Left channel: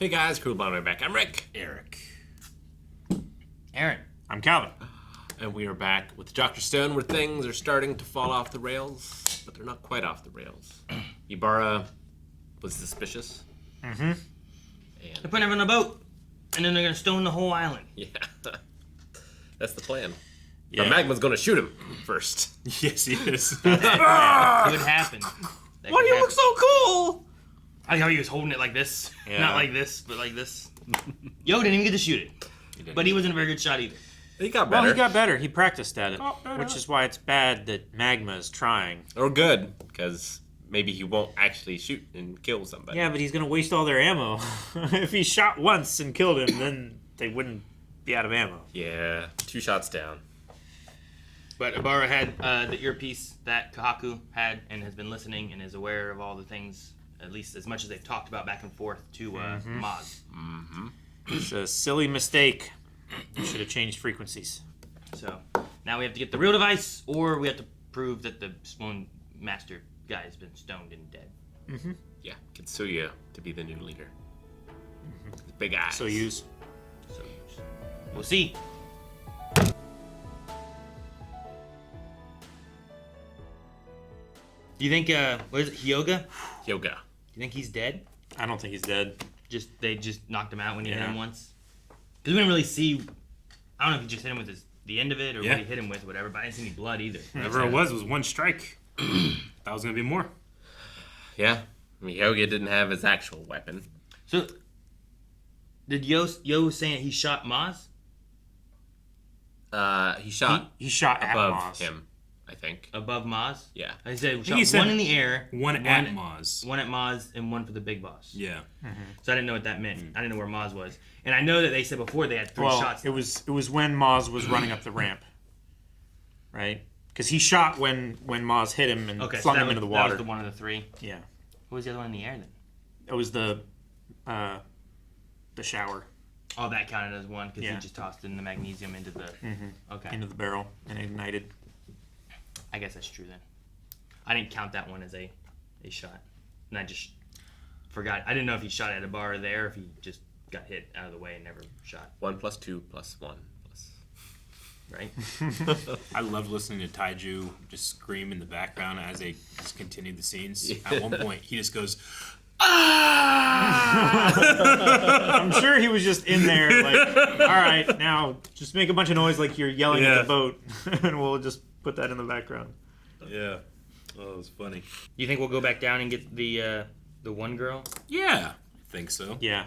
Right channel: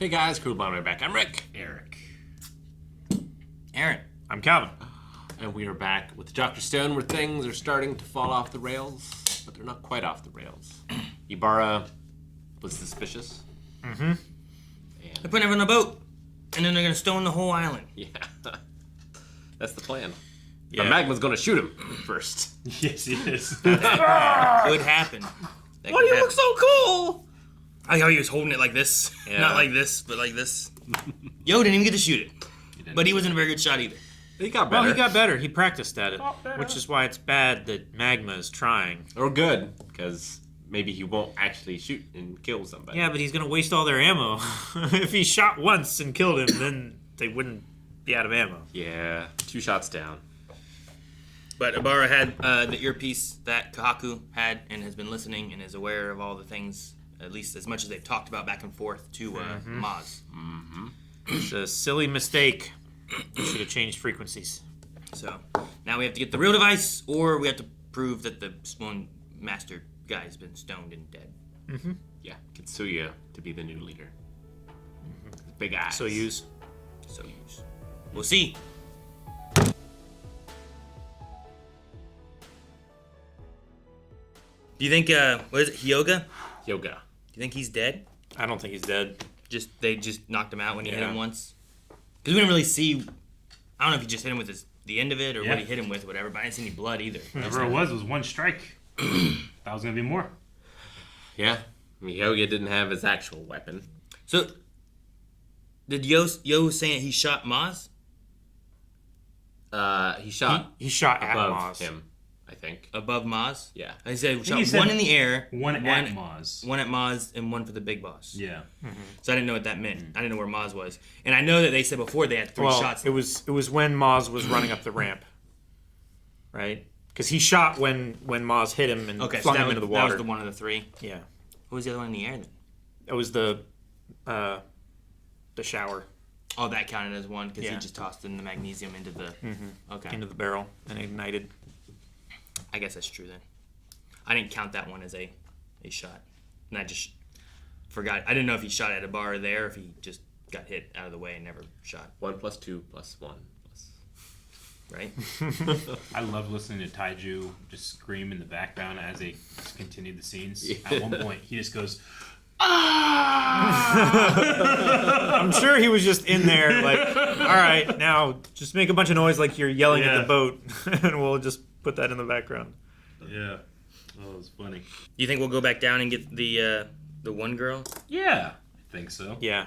Hey guys, Cool Bomber back. I'm Rick. Eric. Aaron. I'm Calvin. And we are back with Dr. Stone, where things are starting to fall off the rails, but they're not quite off the rails. Ibara was suspicious. Mm-hmm. They're putting everyone on a boat, and then they're going to stone the whole island. Yeah. That's the plan. Yeah. The magma's going to shoot him first. Yes, he is. That could happen. That Why could do you look happen. so cool? I like how he was holding it like this. Yeah. Not like this, but like this. Yo didn't even get to shoot it. But he wasn't a very good shot either. He got Well, better. he got better. He practiced at it, which is why it's bad that Magma is trying. Or good, because maybe he won't actually shoot and kill somebody. Yeah, but he's going to waste all their ammo. If he shot once and killed him, then they wouldn't be out of ammo. Yeah, 2 shots down. But Ibara had the earpiece that Kahaku had and has been listening and is aware of all the things, at least as much as they've talked about back and forth to Maz. Mm-hmm. It's a silly mistake. You should have changed frequencies. So now we have to get the real device, or we have to prove that the Stone Master guy has been stoned and dead. Mm-hmm. Yeah, Kitsuya to be the new leader. Big eyes. So use. So we'll see. Do you think what is it, Hyoga? Hyoga. Do you think he's dead? I don't think he's dead. They just knocked him out when he hit Yeah. him once. Because we didn't really see. I don't know if he just hit him with the end of it or Yeah. what he hit him with, or whatever. But I didn't see any blood either. Whatever it was one strike. That was gonna be more. Yeah. I mean, Hyoga didn't have his actual weapon. So did Yo was saying he shot Maz? He shot He shot at above Maz. him, I think. Above Maz? Yeah. He said he shot said one in the air, One at Maz. one at Maz, and one for the big boss. Yeah. So I didn't know what that meant. I didn't know where Maz was, and I know that they said before they had 3 Well, shots. it was when Maz was running up the ramp, right? Because he shot when Maz hit him and Okay, so flung that him was, into the that water. was the one of the 3. Yeah, What was the other one in the air then? it was the shower Oh, that counted as one because Yeah. he just tossed in the magnesium into the. Okay, into the barrel and ignited. I guess that's true then. I didn't count that one as a shot, and I just forgot. I didn't know if he shot at a bar there, or if he just got hit out of the way and never shot. 1 + 2 + 1 plus. Right? I love listening to Taiju just scream in the background as they just continue the scenes. Yeah. At one point, he just goes, I'm sure he was just in there like, all right, now just make a bunch of noise like you're yelling at Yeah. the boat, and we'll just put that in the background. yeah. Oh, it was funny. Do you think we'll go back down and get the one girl, Yeah, I think so. Yeah.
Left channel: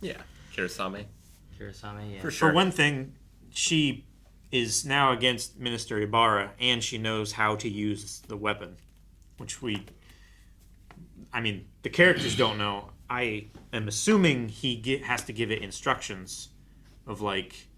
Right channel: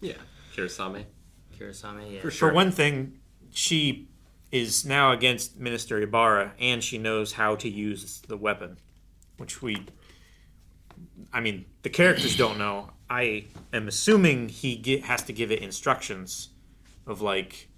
Yeah. Kurosame. Kurosame? Yeah. For sure. For one thing, she is now against Minister Ibara, and she knows how to use the weapon, which the characters don't know. I am assuming he has to give it instructions of like,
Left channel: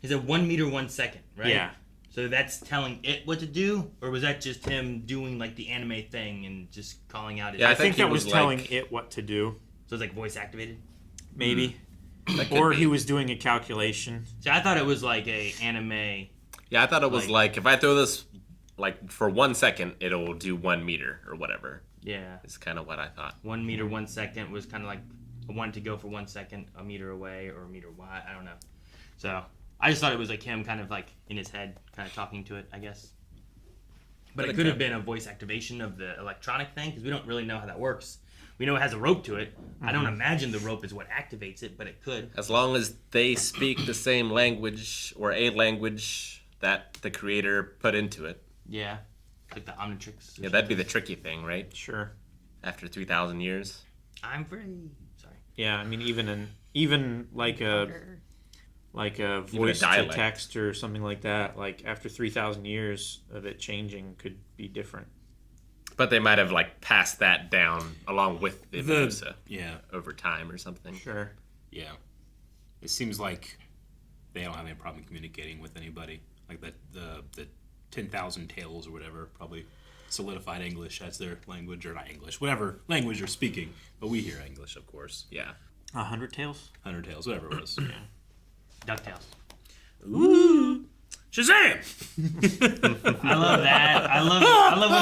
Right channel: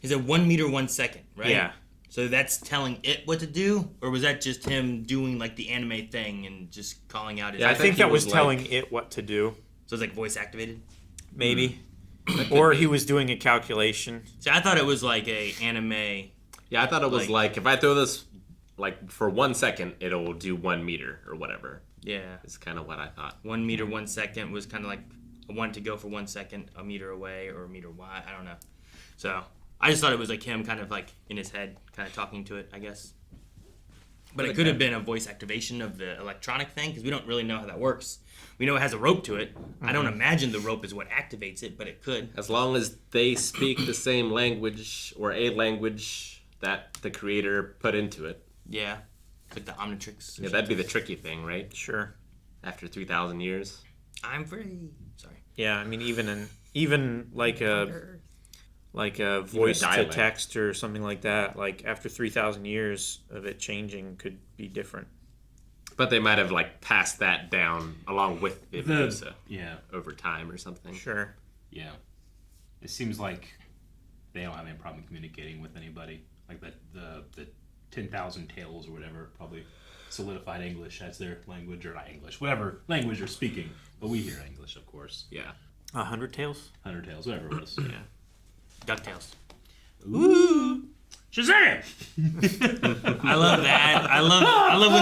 He said 1 meter 1 second, right? yeah, So that's telling it what to do, or was that just him doing like the anime thing and just calling out his? Yeah, I think he that was was telling like- it what to do, So it's like voice activated. maybe, That could or be. he was doing a calculation. See, I thought it was like a anime. Yeah, I thought it was like if I throw this like for 1 second, it'll do 1 meter or whatever. Yeah, Is kind of what I thought. 1 meter 1 second was kind of like a one to go for 1 second, a meter away or a meter wide. I don't know. So I just thought it was like him kind of like in his head, kind of talking to it, I guess. But it could have been a voice activation of the electronic thing because we don't really know how that works. We know it has a rope to it. I don't imagine the rope is what activates it, but it could. As long as they speak the same language or a language that the creator put into it. Yeah, like the Omnitrix. Yeah, that'd be the tricky thing, right? Sure. After 3,000 years. I'm free. Sorry. Yeah, I mean, even like a voice to dialect. text or something like that. Like after 3,000 years of it changing, could be different. But they might have like passed that down along with the The- Medusa Yeah, over time or something. Sure. yeah. It seems like they don't have any problem communicating with anybody. Like the 10,000 Tales or whatever probably solidified English as their language, or not English, whatever language they're speaking. But we hear English, of course. Yeah. 100 Tales? 100 Tales, whatever it was. Yeah. DuckTales. Woo! Shazam! I love that. I love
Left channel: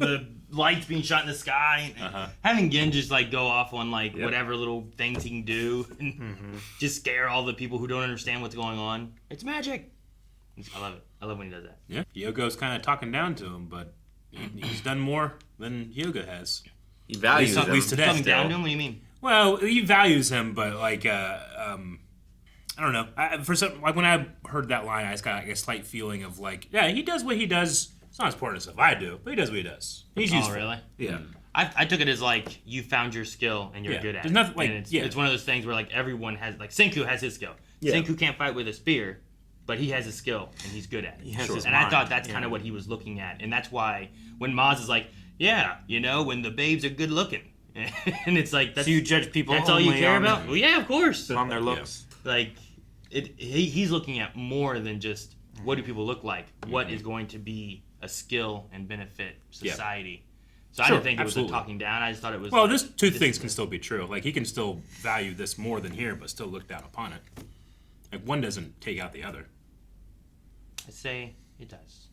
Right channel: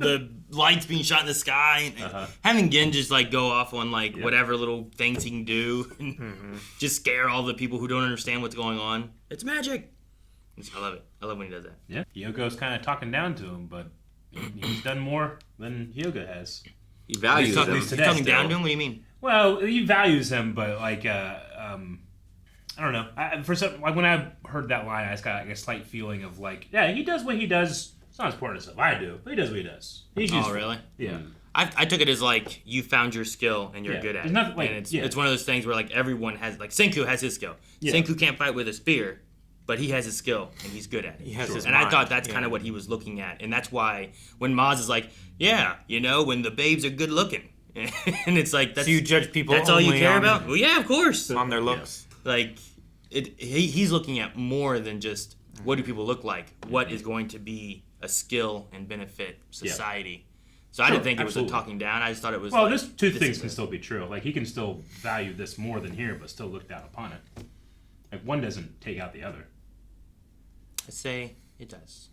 when the lights being shot in the sky. And having Gin just like go off on like whatever little things he can do and just scare all the people who don't understand what's going on. It's magic. I love it. I love when he does that. Yeah, Hyogo's kind of talking down to him, but he's done more than Hyoga has. He values At him. least today. Coming down to him? What do you mean? Well, he values him, but like, I don't know. Like when I heard that line, I just got a slight feeling of like, yeah, he does what he does. It's not as important as stuff I do, but he does what he does. He's useful. Oh, really? Yeah. I took it as like you found your skill and you're good at There's it. nothing, like, And it's one of those things where like everyone has like Senku has his skill. Yeah. Senku can't fight with a spear, but he has his skill and he's good at it. He has his and I mind, thought that's kind of what he was looking at, and that's why when Maz is like, yeah, you know, when the babes are good looking, and it's like that's So you judge people that's all you only care on- about. Well, yeah, of course. on their looks. Like he's looking at more than just what do people look like. What is going to be a skill and benefit society. So I Sure, didn't think absolutely. it was a talking down. I just thought it was. Well, like, there's two this things is can still be true. Like, he can still value this more than here, but still look down upon it. Like, one doesn't take out the other. I say it does.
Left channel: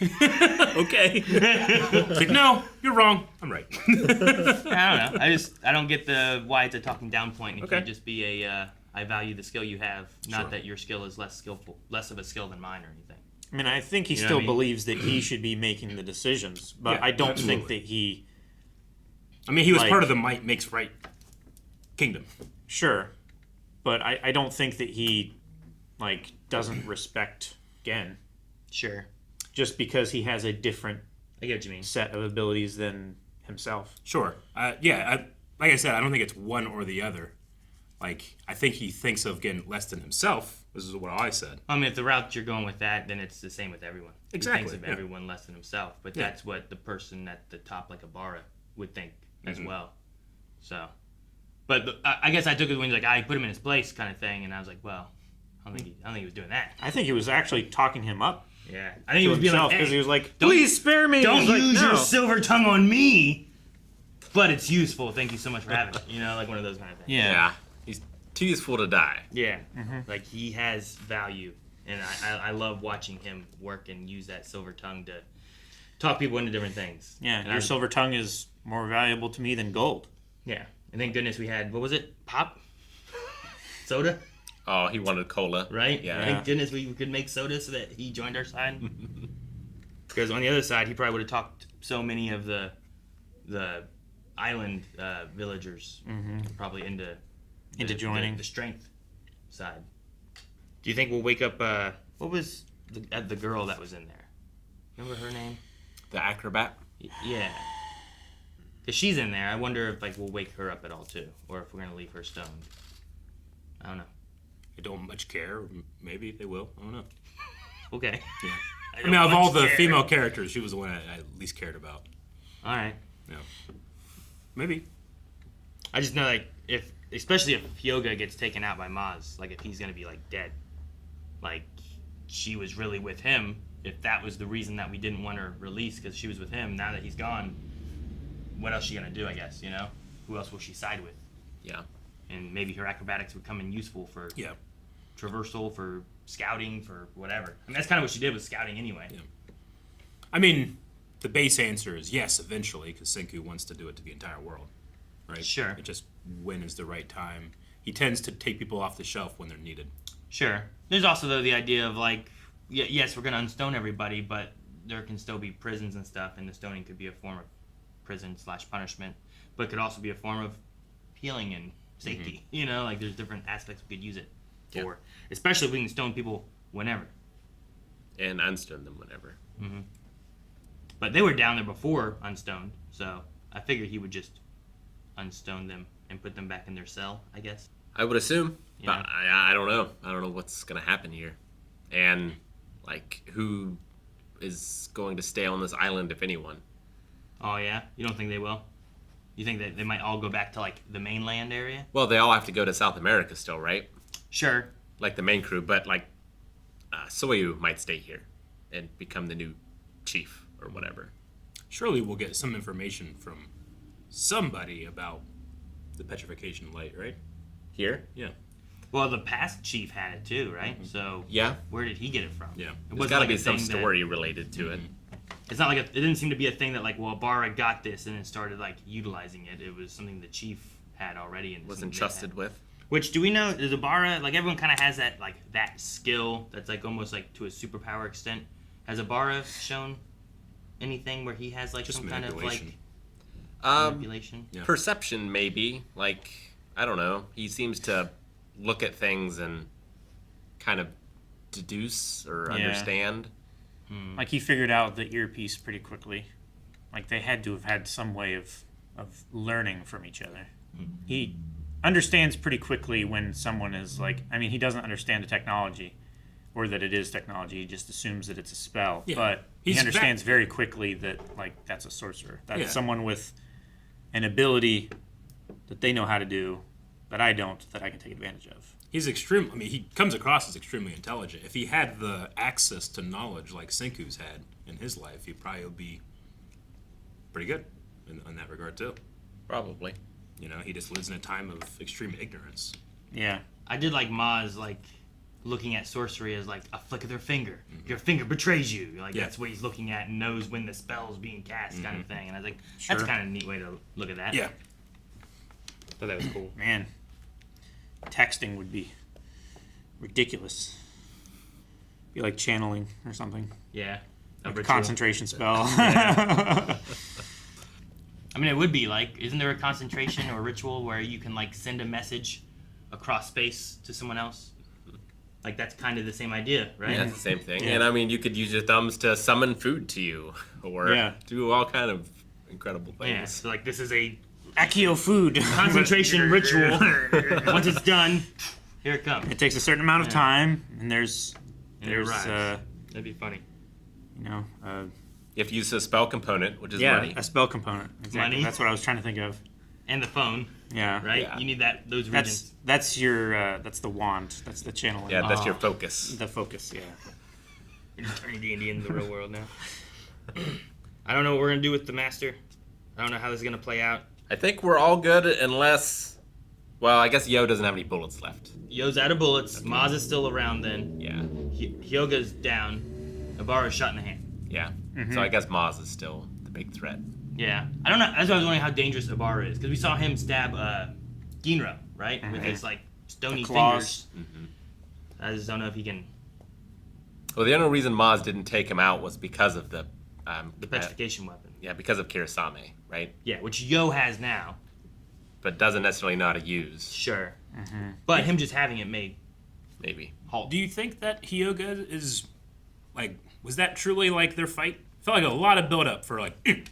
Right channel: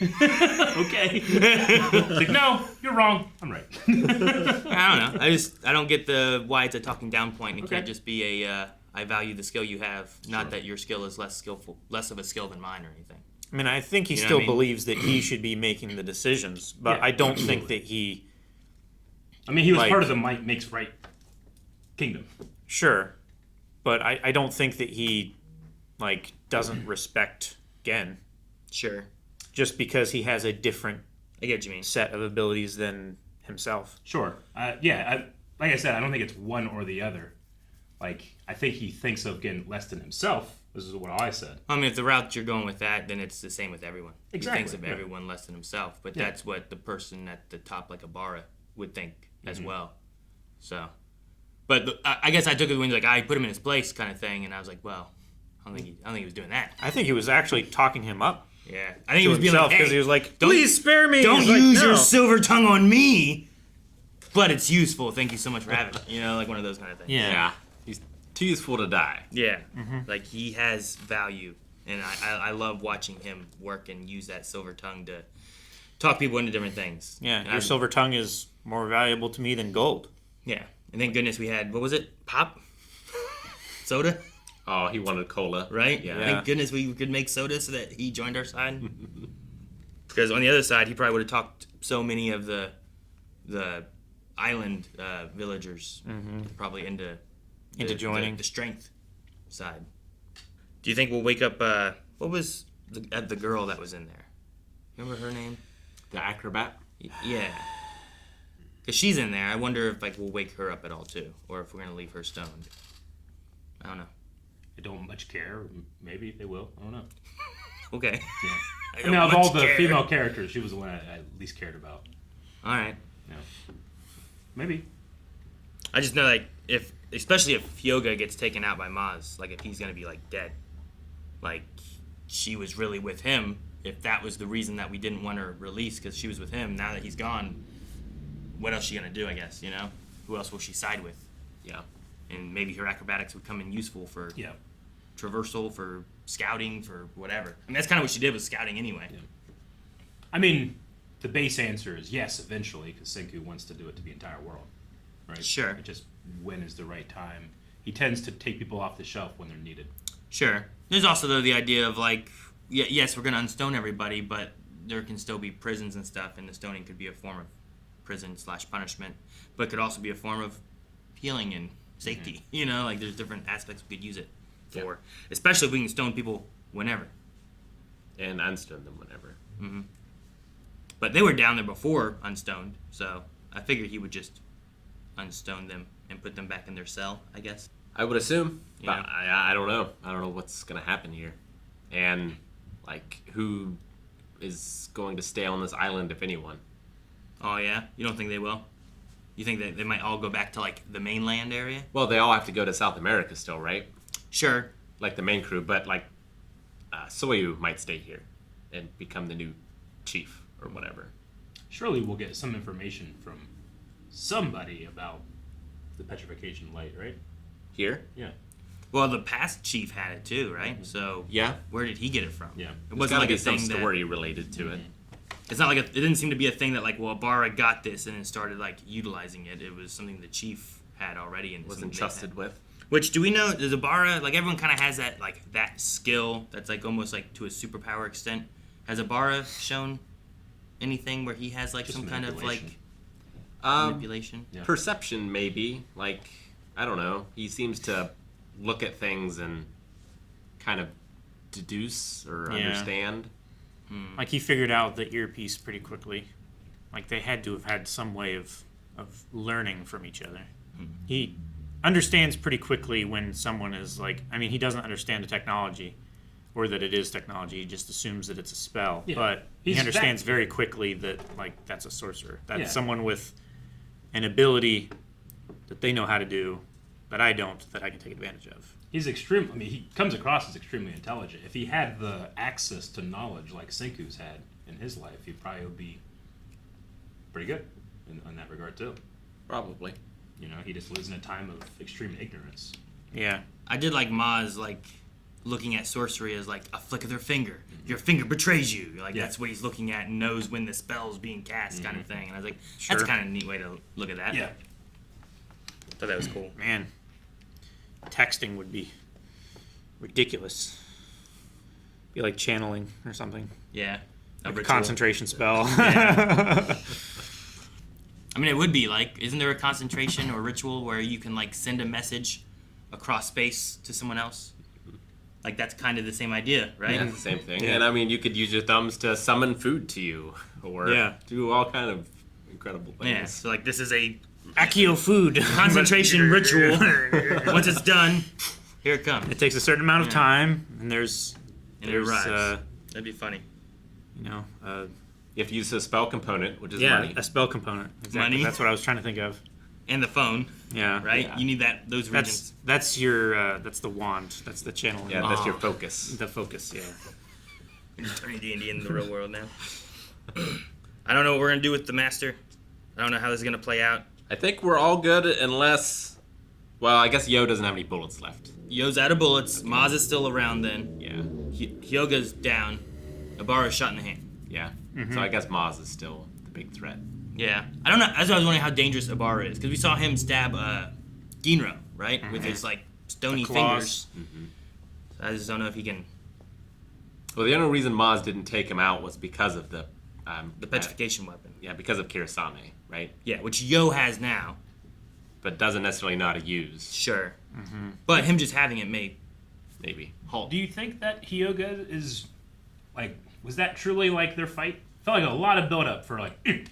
Okay. It's like, no, you're wrong. I'm right. I don't know. I don't get the why it's a talking down point. It Okay. can't just be a I value the skill you have, not that your skill is less of a skill than mine or anything. I mean, I think he You know still what I mean? believes that he should be making the decisions, but Yeah, I don't think that he. I mean, he was Like- part of the Might Makes Right kingdom. Sure, but I don't think that he, like, doesn't respect Gen Sure, just because he has a different I get what you mean. set of abilities than himself. Sure. Like I said, I don't think it's one or the other. Like, I think he thinks of getting less than himself. This is what I said. I mean, if the route you're going with that, then it's the same with everyone. Exactly, He thinks of yeah. everyone less than himself, but Yeah. that's what the person at the top, like Ibara, would think as well. So, but I guess I took it when like I put him in his place, kind of thing, and I was like, well, I don't think he was doing that. I think he was actually talking him up Yeah, I think he to was being himself like, because hey, he was like, don't- "Please spare me." don't He's like, use your "No." silver tongue on me, but it's useful. Thank you so much for having it. You know, like one of those kind of things. Yeah. Yeah. He's too useful to die. Yeah, like he has value, and I love watching him work and use that silver tongue to talk people into different things. Yeah, and your silver tongue is more valuable to me than gold. Yeah, and thank goodness we had what was it? Pop, soda, Oh, he wanted cola. right? Yeah. Thank goodness we could make soda so that he joined our side. Because on the other side, he probably would have talked so many of the island villagers probably into joining. the strength side. Do you think we'll wake up? What was the girl that was in there? Remember her name? The acrobat. Yeah. Because she's in there. I wonder if like we'll wake her up at all too, or if we're gonna leave her stoned. I don't know. I don't much care. Maybe they will. I don't know. Okay. I mean, of all the female characters, she was the one I least cared about. All right. Yeah. Maybe. I just know like especially if Hyoga gets taken out by Maz, like if he's gonna be like dead, like she was really with him. If that was the reason that we didn't want her released because she was with him, now that he's gone, what else is she gonna do? I guess you know, who else will she side with? Yeah. And maybe her acrobatics would come in useful for Yeah. traversal, for scouting, for whatever. I mean, that's kind of what she did with scouting anyway. Yeah. I mean, the base answer is yes, eventually, because Senku wants to do it to the entire world. Right? Sure. It just when is the right time. He tends to take people off the shelf when they're needed. Sure. There's also though the idea of like, yes, we're gonna unstone everybody, but there can still be prisons and stuff, and the stoning could be a form of prison/punishment, but it could also be a form of healing and safety. You know, like there's different aspects we could use it for. Especially if we can stone people whenever. And unstone them whenever. But they were down there before unstoned, so I figured he would just unstone them and put them back in their cell, I guess. I would assume. Yeah. But I don't know. I don't know what's going to happen here. And, like, who is going to stay on this island, if anyone? Oh yeah? You don't think they will? You think that they might all go back to like the mainland area? Well, they all have to go to South America still, right? Sure. Like the main crew. But, like, Soyu might stay here and become the new chief or whatever. Surely we'll get some information from somebody about the petrification light, right? Here? Yeah. Well, the past chief had it too, right? So Yeah. where did he get it from? Yeah. It There's wasn't got to like be a some thing story related to it. it's not like it didn't seem to be a thing that like, well, Ibara got this and then started like utilizing it. It was something the chief had already and Was entrusted with. Which do we know? Does Ibara, like everyone kind of has that skill that's like almost like to a superpower extent? Has Ibara shown anything where he has like Just some kind of like manipulation? Yeah. Perception, maybe. Like, I don't know. He seems to look at things and kind of deduce or understand. Like he figured out the earpiece pretty quickly. Like they had to have had some way of learning from each other. He understands pretty quickly when someone is like, I mean, he doesn't understand the technology or that it is technology. He just assumes that it's a spell. Yeah. But he understands very quickly that like that's a sorcerer. That's someone with an ability that they know how to do that I don't, that I can take advantage of. He's extreme. I mean, he comes across as extremely intelligent. If he had the access to knowledge like Senku's had in his life, he probably would be pretty good in that regard too. Probably. You know, he just lives in a time of extreme ignorance. Yeah. I did like Maz like looking at sorcery as like a flick of their finger. Your finger betrays you. Like that's what he's looking at and knows when the spell's being cast, kind of thing. And I was like, that's kind of a neat way to look at that. Yeah. Thought that was cool. Man, texting would be ridiculous. Be like channeling or something. Yeah. Like a concentration spell. I mean, it would be like, isn't there a concentration or ritual where you can like send a message across space to someone else? Like that's kind of the same idea, right? Yeah, it's the same thing. And I mean, you could use your thumbs to summon food to you or do all kind of incredible things. Yeah. So like this is a Accio food. concentration ritual. Once it's done, here it comes. It takes a certain amount of time, and And it arrives. That'd be funny. you know, You have to use a spell component, which is money. a spell component. Exactly. Money. That's what I was trying to think of. And the phone, Yeah. right? Yeah. You need those regions. That's your that's the wand. That's the channeling. Yeah, that's your focus. The focus. Yeah. We're just turning D&D into the real world now. I don't know what we're gonna do with the master. I don't know how this is gonna play out. I think we're all good unless, well, I guess Yo doesn't have any bullets left. Yo's out of bullets. Maz is still around. Then Yeah, Hyoga's down. Ibara's shot in the hand. yeah. So I guess Maz is still the big threat. Yeah, I don't know. That's why I was wondering how dangerous Ibara is because we saw him stab Ginro, right, with his like stony claws. fingers. I just don't know if he can. Well, the only reason Maz didn't take him out was because of the Petrification weapon. yeah, because of Kirasame, right? Yeah, which Yo has now. But doesn't necessarily know how to use. Sure. But him just having it may Maybe. halt. Do you think that Hyoga is like? Was that truly like their fight? Felt like a lot of build up for like. I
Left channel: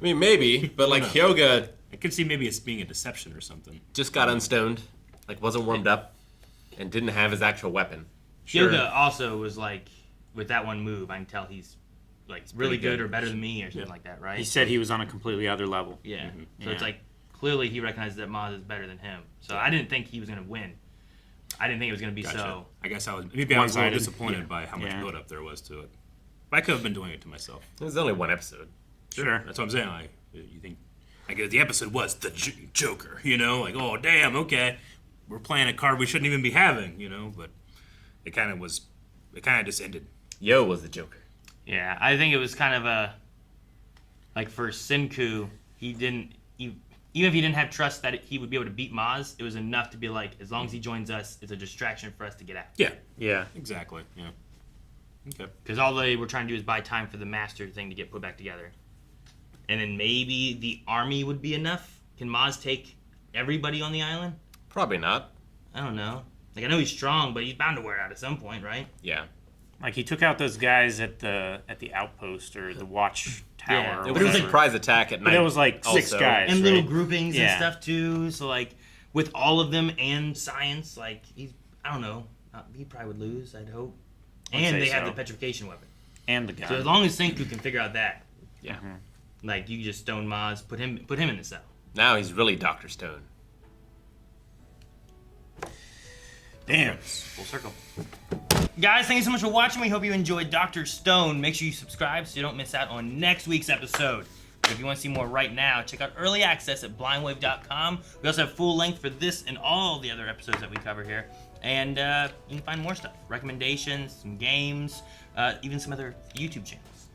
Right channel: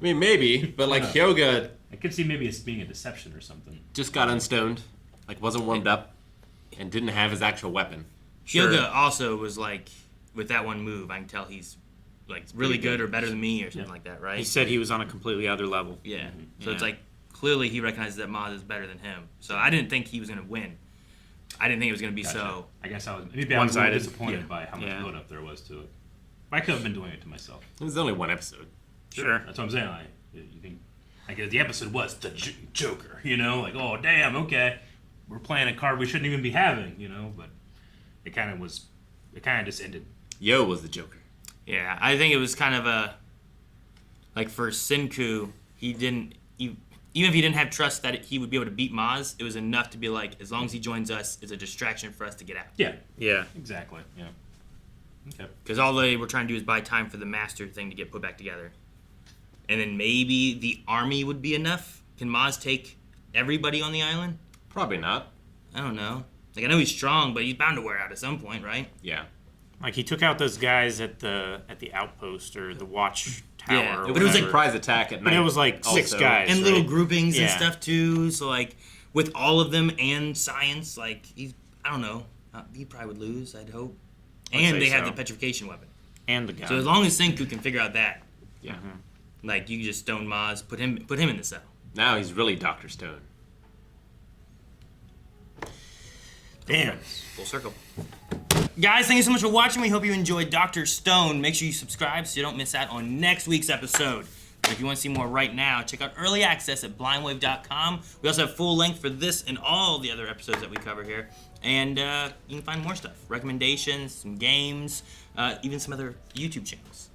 mean, maybe, but like Hyoga I could see maybe it's being a deception or something. just got unstoned, like wasn't warmed up, and didn't have his actual weapon. Hyoga also was like, with that one move, I can tell he's like really Pretty good. good or better than me or something like that, right? He said he was on a completely other level. Yeah. So it's Yeah. like clearly he recognizes that Maz is better than him. So I didn't think he was gonna win. I didn't think it was gonna be Gotcha. so. I guess I was a little One-sided. disappointed by how much Yeah. build up there was to it. I could have been doing it to myself. There's only one episode. Sure. That's what I'm saying. You think like the episode was the Joker, you know? Like, oh damn, okay, we're playing a card we shouldn't even be having, you know? But it kind of just ended. Yo was the Joker. Yeah, I think it was kind of a like for Senku, even if he didn't have trust that he would be able to beat Maz, it was enough to be like, as long as he joins us, it's a distraction for us to get out. Yeah, Yeah. exactly. Yeah. Okay. Because all they were trying to do is buy time for the master thing to get put back together. And then maybe the army would be enough. Can Maz take everybody on the island? Probably not. I don't know. Like I know he's strong, but he's bound to wear out at some point, right? Yeah. Like he took out those guys at the outpost or the watch tower. Yeah, or It but was it was a like- surprise attack at night. But it was like six also. guys. And right? little groupings and Yeah. stuff too. So like with all of them and science, like I don't know. He probably would lose, I'd hope. I'd And say they have so. the petrification weapon. And the guy. So as long as Senku can figure out that, Yeah. like you can just stone Maz, put him in the cell. Now he's really Dr. Stone. Damn. Full circle. Guys, thank you so much for watching. We hope you enjoyed Dr. Stone. Make sure you subscribe so you don't miss out on next week's episode. And if you want to see more right now, check out early access at blindwave.com. We also have full length for this and all the other episodes that we cover here. And you can find more stuff, recommendations, some games, even some other YouTube channels.